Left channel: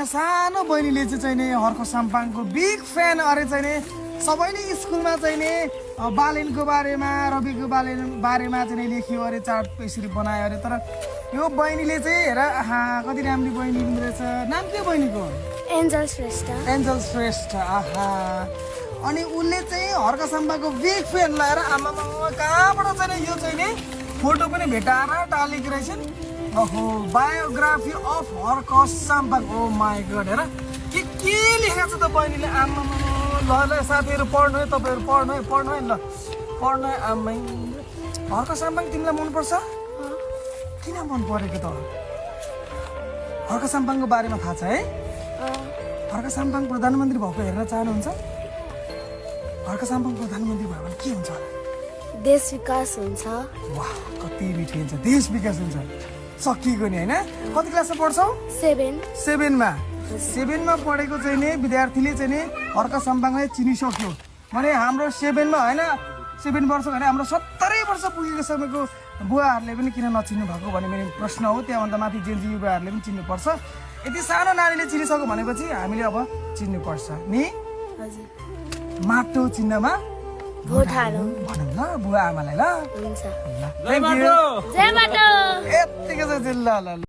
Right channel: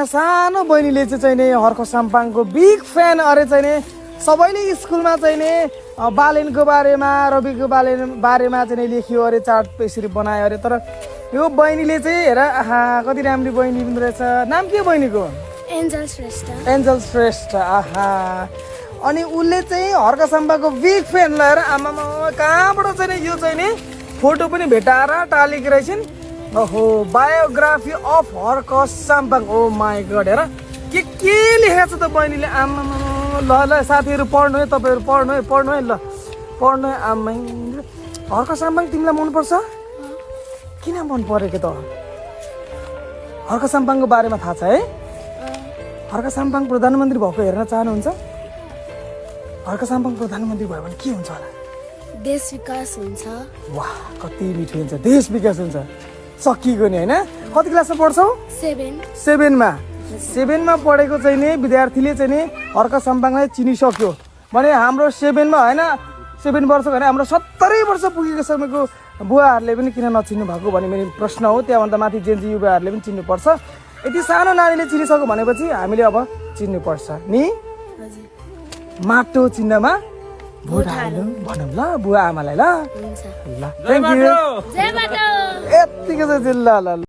यहाँ सानो बहिनीले चाहिँ नि हर्क साम्पाङको बिग फ्यान अरे चाहिँ नि सबैले स्कुलमा चाहिँ नि बालेनको बारेमा रविको बारेमा चाहिँ लेखियो अरे चार्ट यसरी बनायो अरे तर यो बहिनीले चाहिँ हेर आहा कति राम्री बहिनी हुँदो रहेछ नाम के बहिनीको एन्जल श्रेष्ठ एन्जल श्रेष्ठ आहा अनि उसले चाहिँ हर्क साम्पाङको बिग फ्यान लगाएर आमा कहाँबाट चाहिँ यो चाहिँ नि फोटो पनि भेटाएर टालेको रहेछन् ओहो biography of Harka Sampang oh my god हेर के लेखेको छ त बहिनीले आमा ल ल साथीहरू पढ्नु है तपाईँहरू पढ्नु है ल पढ्नु है आमै हर्क साम्पाङ तिमीलाई मनपर्छ किन मन परेको त हर्क साम्पाङको बारेमा थाहा छ है हर्क साम्पाङ प्रधानमन्त्री भएको हेर्न चाहनुहुन्छ हर्क साम्पाङ प्रधानमन्त्री भयो भने के हुन्छ होला देश विकास हुन्छ वाह कति मिठो हुन्छ देश विकास हुन्छ सकिएको नि होइन कति क्लासमा पढ्छौ 7मा पढेको चाहिँ नि विद्यार्थीले चाहिँ नि हर्क साम्पाङलाई चिनिसक्यो भने हाम्रो 7मा होइन 7 वर्षको होइन हाम्रो 70 वर्ष पुगेको समयको बुवाहरूले पनि किन नचिन्नु भएको भन्ने मेरो प्रश्न हो त्यहाँभन्दा माथि जेन्जी युवाहरूले पनि चिन्नुपर्छ यति सानो नानीले चिनिसक्यो भनेपछि हामीले अब चिन्नुपर्छ नि माटो चिन्हमा भोट हालौँ भनौँ ल बुवा आमालाई ल हुन्छ ल थ्याङ्क यू जय माटो यतिको चाहिँ ल ल